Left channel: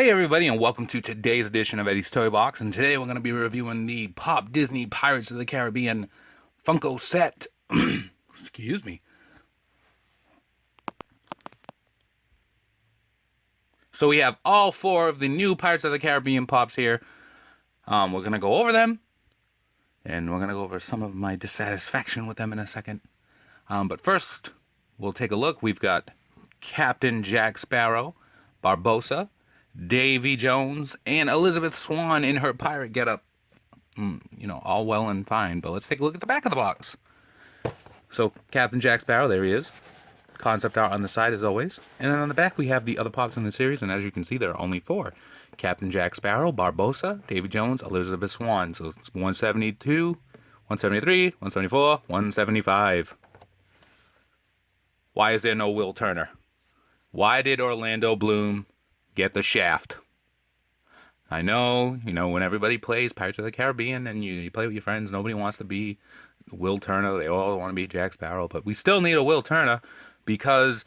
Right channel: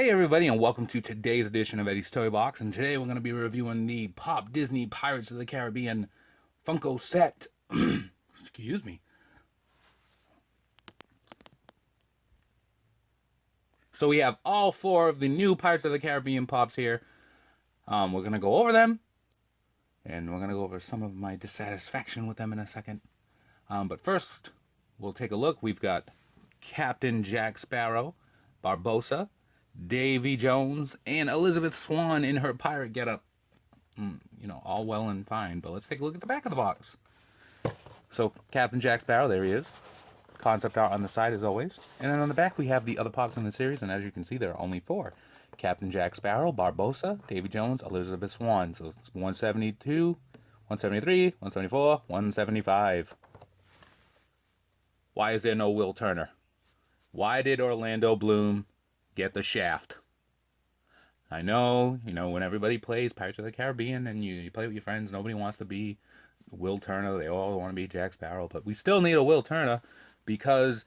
Hey everybody, and welcome to today's edition of Eddie's Toy Box. And today we're going to be reviewing the Pop Disney Pirates of the Caribbean Funko set. Excuse me. So we have all four of the new Pirates of the Caribbean Pops here. We're going to go over them, and we're going to go over some of my dissatisfaction with them in a second. But first, we'll take a look. We've got Captain Jack Sparrow, Barbosa, Davy Jones, and Elizabeth Swan in her pirate getup. All well and fine, but let's take a look at the back of the box. So, Captain Jack Sparrow, there he is. Concept art on the side, as always. And then on the back, we have the other Pops in the series, and as you can see, there are only four. Captain Jack Sparrow, Barbosa, Davy Jones, Elizabeth Swan. So, it's 172, 173, 174, 175. Why is there no Will Turner? Why did Orlando Bloom get the shaft? I know, when everybody plays Pirates of the Caribbean and you play with your friends, nobody wants to be Will Turner. They all want to be Jack Sparrow, but we still need a Will Turner because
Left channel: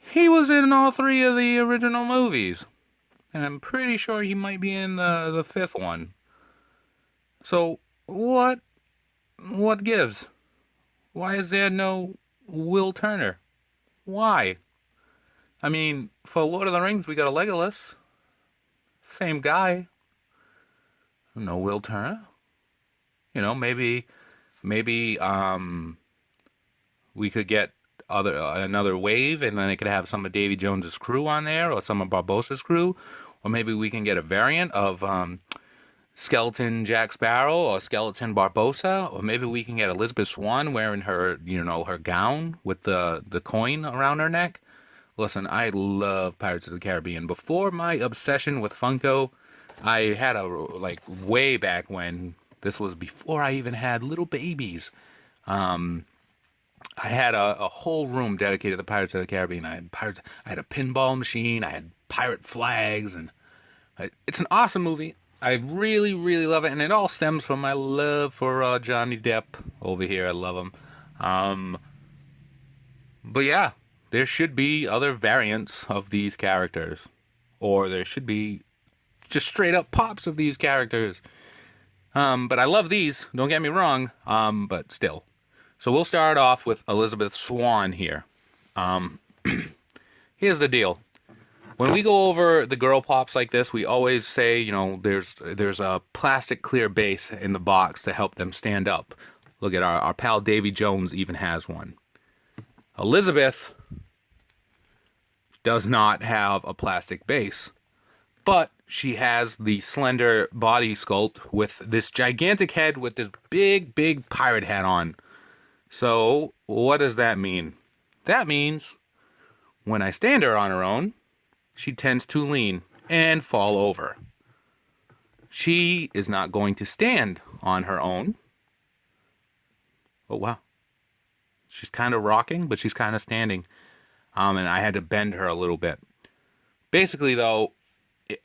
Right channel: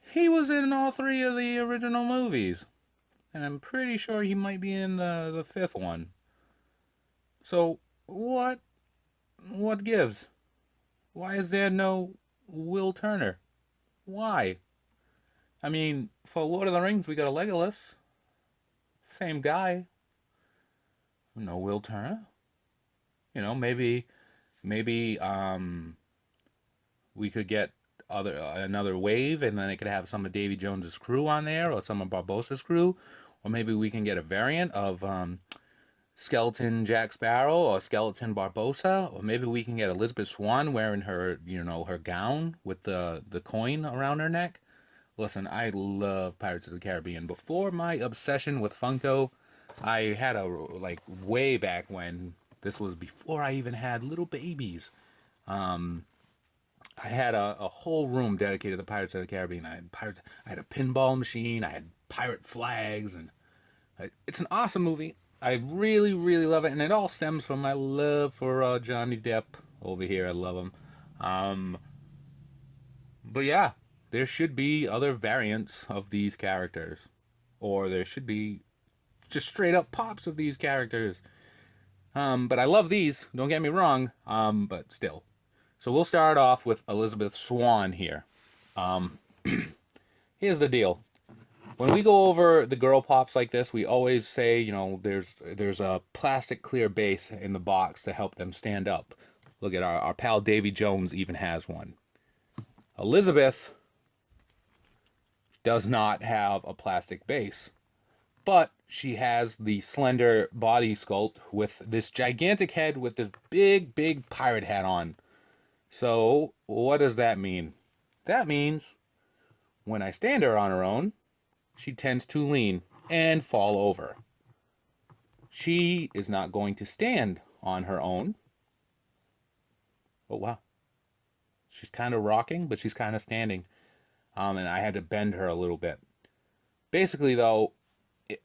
he was in all three of the original movies. And I'm pretty sure he might be in the fifth one. So, what gives? Why is there no Will Turner? Why? I mean, for Lord of the Rings, we got a Legolas. Same guy. No Will Turner. Maybe we could get another wave, and then it could have some of Davy Jones's crew on there, or some of Barbosa's crew, or maybe we can get a variant of Skeleton Jack Sparrow or Skeleton Barbosa, or maybe we can get Elizabeth Swan wearing her, her gown with the coin around her neck. Listen, I love Pirates of the Caribbean. Before my obsession with Funko, I had way back when, this was before I even had little babies. I had a whole room dedicated to the Pirates of the Caribbean. I had a pinball machine. I had pirate flags, and it's an awesome movie. I really, really love it, and it all stems from my love for Johnny Depp over here. I love him. But yeah. There should be other variants of these characters. Or there should be just straight up Pops of these characters. But I love these, don't get me wrong, but still. So we'll start off with Elizabeth Swan here. Here's the deal. When we go over the girl Pops like this, we always say, there's a plastic clear base in the box to help them stand up. Look at our pal Davy Jones even has one. Elizabeth does not have a plastic base, but she has the slender body sculpt with this gigantic head with this big, big pirate hat on. So what does that mean? That means when I stand her on her own, she tends to lean and fall over. She is not going to stand on her own. Oh, wow. She's kind of rocking, but she's kind of standing. And I had to bend her a little bit. Basically, though,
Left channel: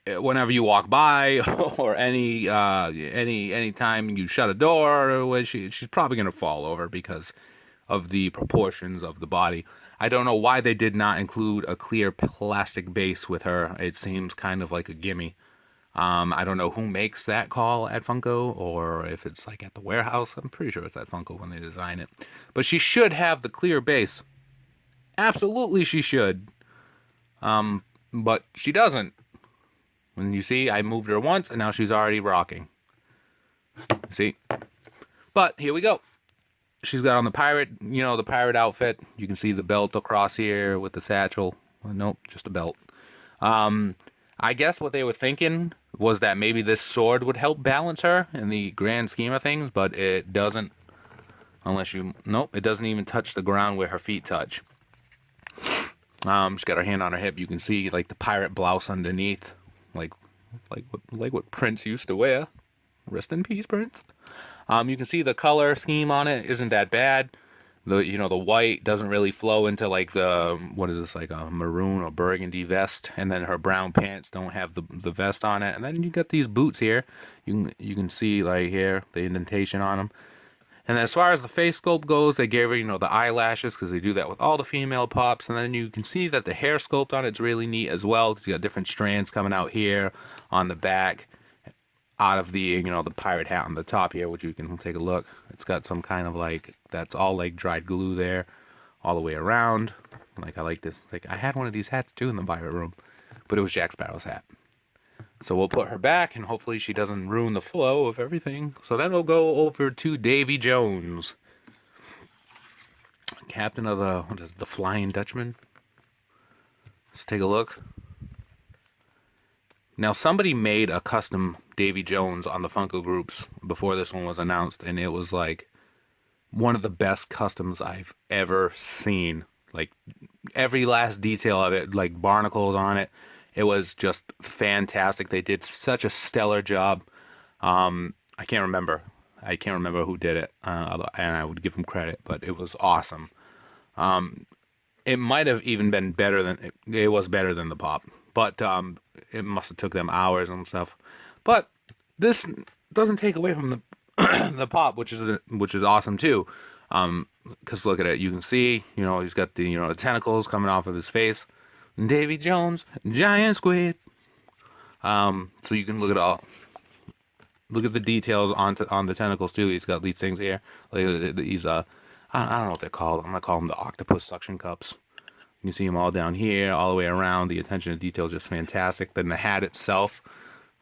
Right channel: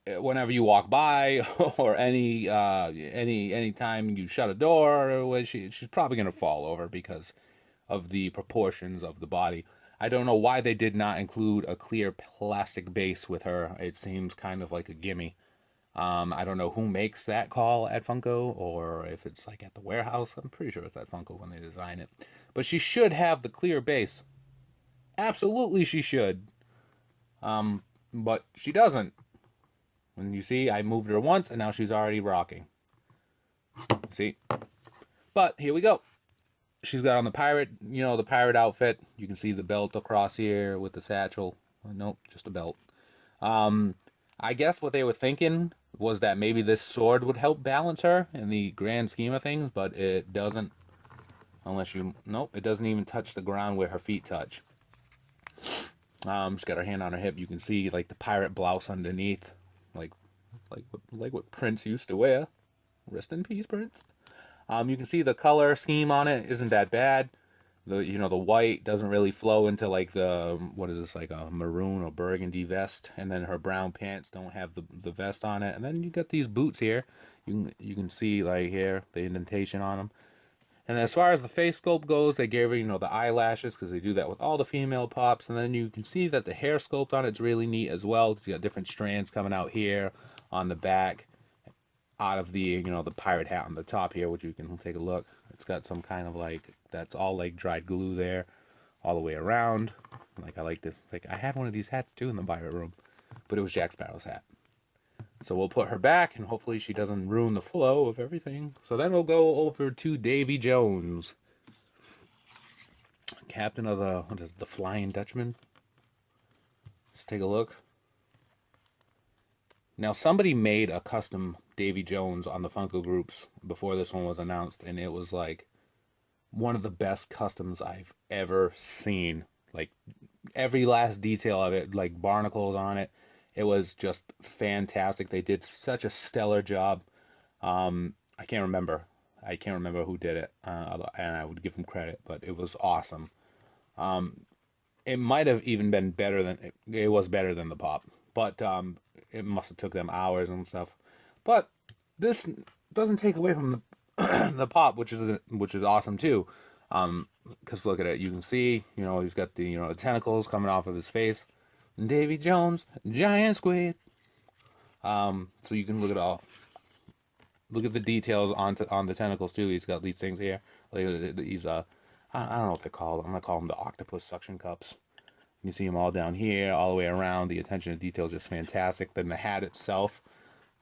whenever you walk by or any time you shut a door, she's probably going to fall over because of the proportions of the body. I don't know why they did not include a clear plastic base with her. It seems kind of like a gimme. I don't know who makes that call at Funko, or if it's like at the warehouse. I'm pretty sure it's at Funko when they design it. But she should have the clear base. Absolutely she should. But she doesn't. When you see, I moved her once, and now she's already rocking. See? But, here we go. She's got on the pirate, the pirate outfit. You can see the belt across here with the satchel. Well, nope, just a belt. I guess what they were thinking was that maybe this sword would help balance her in the grand scheme of things, but it doesn't. Nope, it doesn't even touch the ground where her feet touch. She's got her hand on her hip. You can see like the pirate blouse underneath, like what Prince used to wear. Rest in peace, Prince. You can see the color scheme on it isn't that bad. The white doesn't really flow into like what is this, like a maroon or burgundy vest, and then her brown pants don't have the vest on it. And then you got these boots here. You can see like here the indentation on them. And as far as the face sculpt goes, they gave her, the eyelashes, because they do that with all the female pops. And then you can see that the hair sculpt on it's really neat as well. You got different strands coming out here on the back, out of the, the pirate hat on the top here, which you can take a look. It's got some kind of that's all dried glue there, all the way around. I like this. I had one of these hats too in the pirate room, but it was Jack Sparrow's hat. So we'll put her back, and hopefully she doesn't ruin the flow of everything. So then we'll go over to Davy Jones, captain of the Flying Dutchman. Let's take a look. Now, somebody made a custom Davy Jones on the Funko groups before this one was announced, and it was one of the best customs I've ever seen. Every last detail of it, barnacles on it. It was just fantastic. They did such a stellar job. I can't remember who did it, and I would give them credit, but it was awesome. It might have even been better than it was better than the pop, but it must have took them hours and stuff. But this doesn't take away from the the pop, which is awesome too. Because look at it, you can see, he's got the the tentacles coming off of his face. Davy Jones, giant squid. So you can look at the details on the tentacles too. He's got these things here. These I don't know what they're called. I'm gonna call them the octopus suction cups. You see them all down here, all the way around. The attention to detail is just fantastic. Then the hat itself,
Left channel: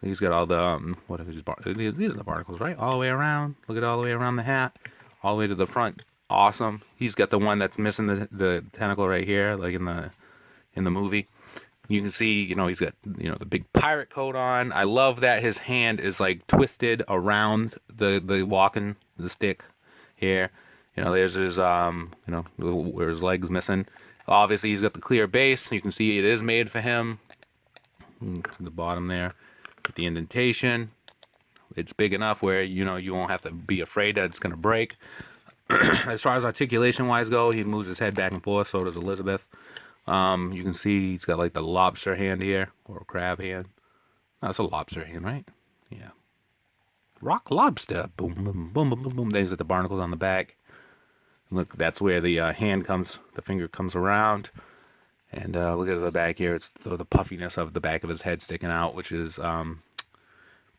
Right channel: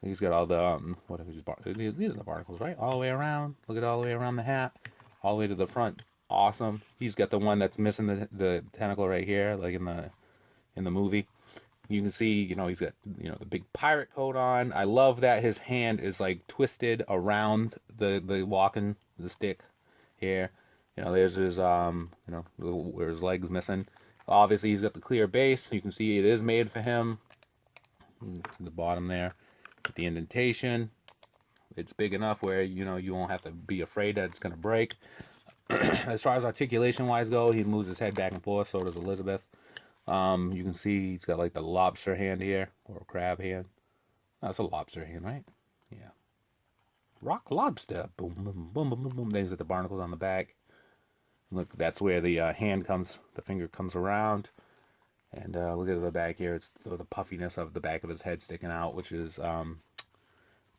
he's got all the these are the barnacles, right? All the way around. Look at all the way around the hat, all the way to the front. Awesome. He's got the one that's missing the tentacle right here, in the movie. You can see, he's got, the big pirate coat on. I love that his hand is twisted around the walking, the stick here. There's his, where his leg's missing. Obviously, he's got the clear base. You can see it is made for him. The bottom there, with the indentation. It's big enough where, you won't have to be afraid that it's going to break. As far as articulation-wise go, he moves his head back and forth, so does Elizabeth. You can see he's got the lobster hand here, or a crab hand. No, it's a lobster hand, right? Yeah. Rock lobster. Boom, boom, boom, boom, boom, boom. Then he's got the barnacles on the back. Look, that's where the the finger comes around. And look at the back here. It's the puffiness of the back of his head sticking out, which is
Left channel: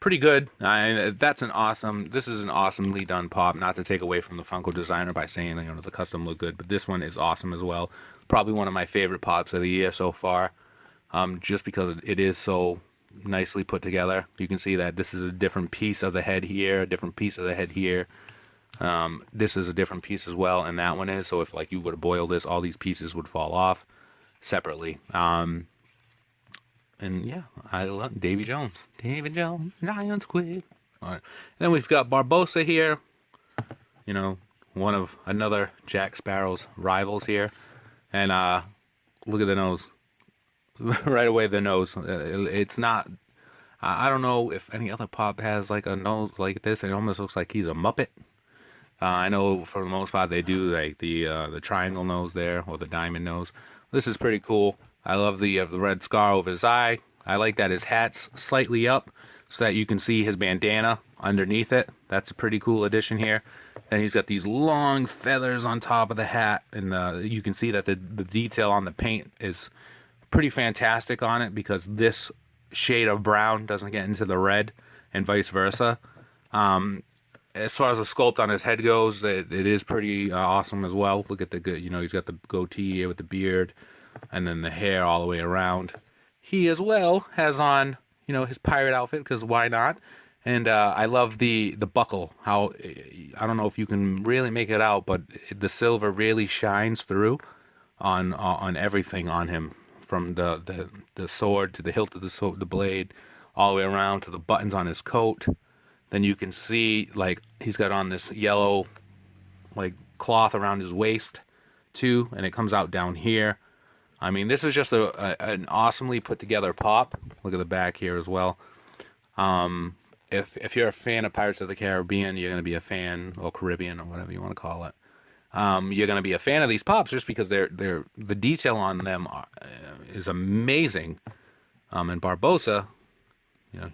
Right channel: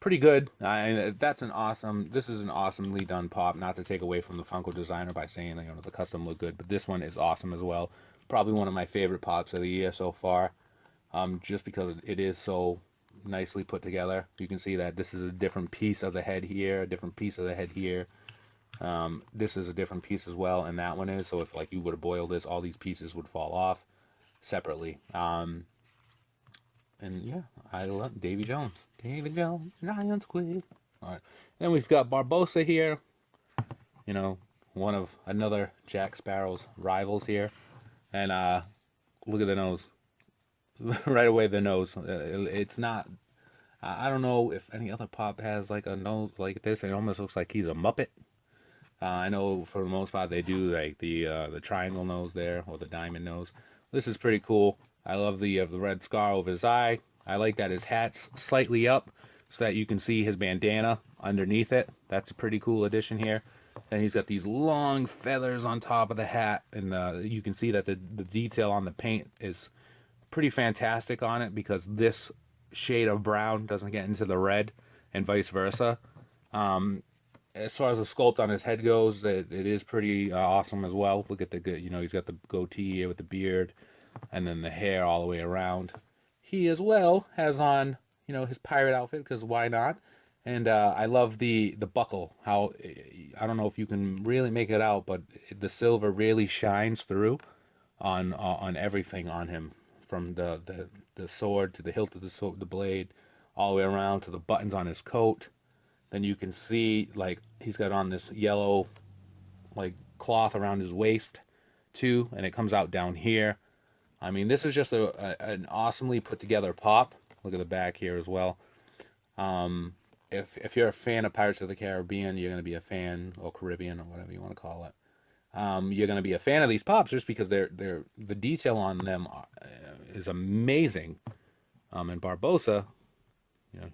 pretty good. This is an awesomely done pop. Not to take away from the Funko designer by saying the custom look good, but this one is awesome as well. Probably one of my favorite pops of the year so far, just because it is so nicely put together. You can see that this is a different piece of the head here, a different piece of the head here. This is a different piece as well, and that one is. So if you were to boil this, all these pieces would fall off separately. And yeah, I love Davy Jones. Davy Jones, giant squid. All right. Then we've got Barbosa here. One of another Jack Sparrow's rivals here. And look at the nose. Right away, the nose. It's not... I don't know if any other pop has a nose like this. It almost looks like he's a Muppet. I know for the most part they do the triangle nose there, or the diamond nose. This is pretty cool. I love the red scar over his eye. I like that his hat's slightly up so that you can see his bandana underneath it. That's a pretty cool addition here. And he's got these long feathers on top of the hat, and you can see that the detail on the paint is pretty fantastic on it, because this shade of brown doesn't get into the red, and vice versa. As far as the sculpt on his head goes, it is pretty awesome as well. Look at he's got the goatee here with the beard, and then the hair all the way around. He as well has on, his pirate outfit, because why not? And I love the buckle. How, I don't know if you can really make it out, but the silver really shines through on everything on him, from the sword to the hilt of the blade, all the way around to the buttons on his coat. Then you can see he's got on this yellow cloth around his waist too, and it comes out down here. I mean, this is just an awesomely put together pop. Look at the back here as well. If you're a fan of Pirates of the Caribbean, you're going to be a fan, or Caribbean, or whatever you want to call it. You're going to be a fan of these pops just because the detail on them is amazing. And Barbosa,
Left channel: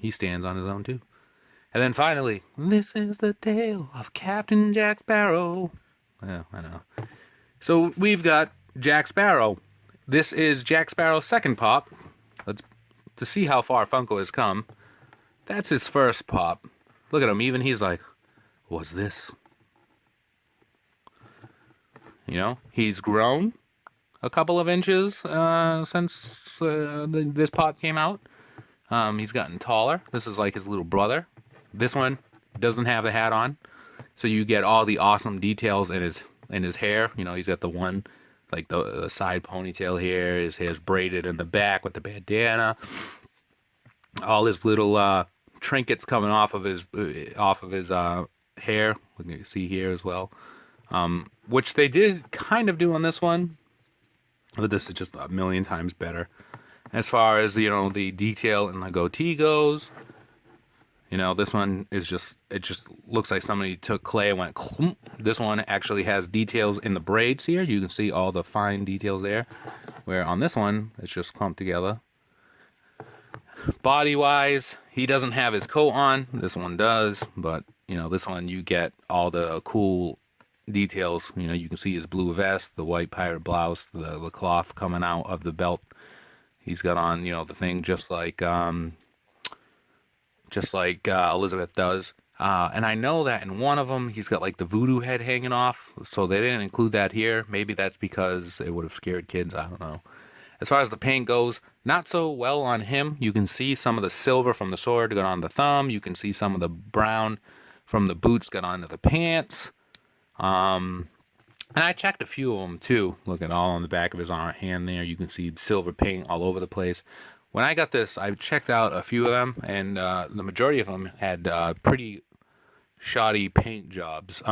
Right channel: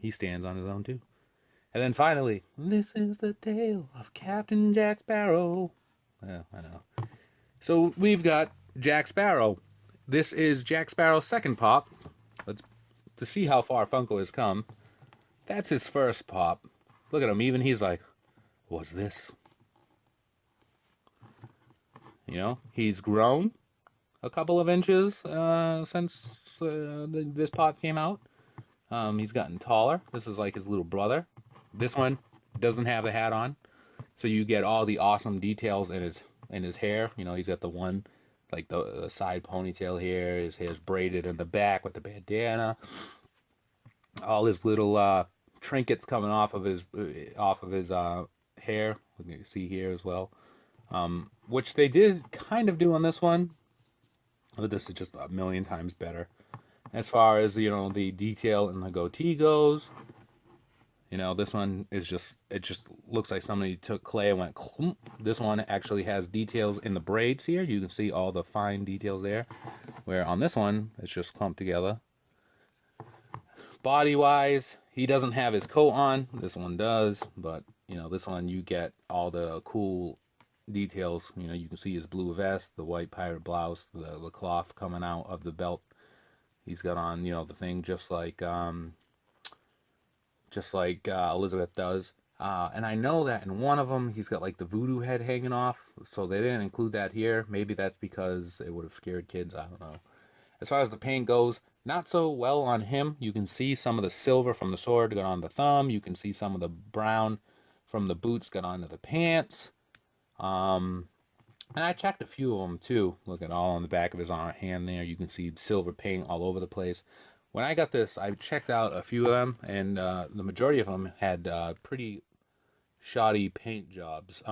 he stands on his own too. And then finally, this is the tale of Captain Jack Sparrow. Yeah, I know. So we've got Jack Sparrow. This is Jack Sparrow's second pop. Let's to see how far Funko has come. That's his first pop. Look at him. Even he's like, what's this? You know, he's grown a couple of inches since this pop came out. He's gotten taller. This is like his little brother. This one doesn't have the hat on, so you get all the awesome details in his hair. You know, he's got the one, like the side ponytail here. His hair's braided in the back with the bandana. All his little trinkets coming off of his hair. We can see here as well, which they did kind of do on this one, but this is just a million times better. As far as, you know, the detail in the goatee goes, you know, this one is just, it just looks like somebody took clay and went clump. This one actually has details in the braids here. You can see all the fine details there, where on this one, it's just clumped together. Body-wise, he doesn't have his coat on. This one does, but, you know, this one you get all the cool details. You know, you can see his blue vest, the white pirate blouse, the cloth coming out of the belt. He's got on, you know, the thing just like Elizabeth does. And I know that in one of them, he's got like the voodoo head hanging off. So they didn't include that here. Maybe that's because it would have scared kids. I don't know. As far as the paint goes, not so well on him. You can see some of the silver from the sword got on the thumb. You can see some of the brown from the boots got onto the pants. And I checked a few of them too. Look at all on the back of his hand there. You can see silver paint all over the place. When I got this, I checked out a few of them, and the majority of them had pretty shoddy paint jobs.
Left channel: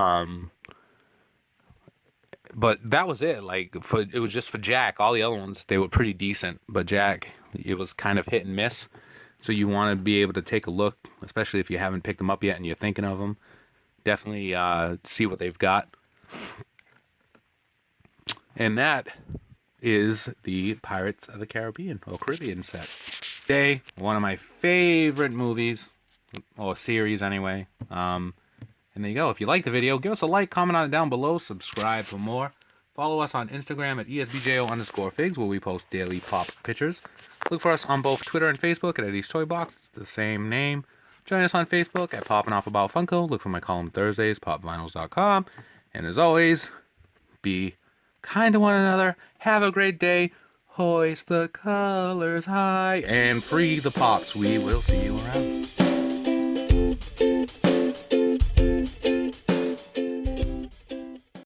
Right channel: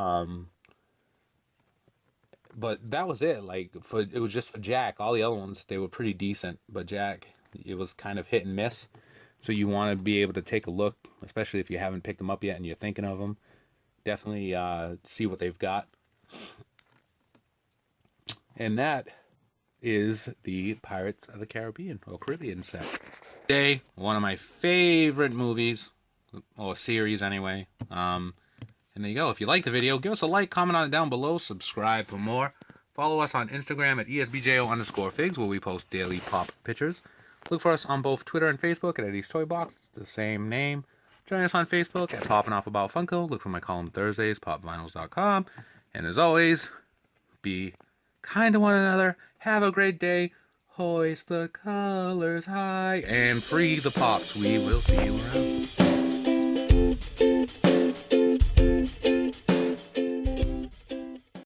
But that was it. Like, it was just for Jack. All the other ones, they were pretty decent. But Jack, it was kind of hit and miss. So you want to be able to take a look, especially if you haven't picked them up yet and you're thinking of them. Definitely see what they've got. And that is the Pirates of the Caribbean or Caribbean set. Today, one of my favorite movies, or series anyway. And there you go. If you like the video, give us a like, comment on it down below, subscribe for more. Follow us on Instagram at ESBJO_figs, where we post daily pop pictures. Look for us on both Twitter and Facebook at EddiesToyBox. It's the same name. Join us on Facebook at Poppin' Off About Funko. Look for my column Thursdays, popvinyls.com. And as always, be kind to one another. Have a great day. Hoist the colors high and free the pops. We will see you around.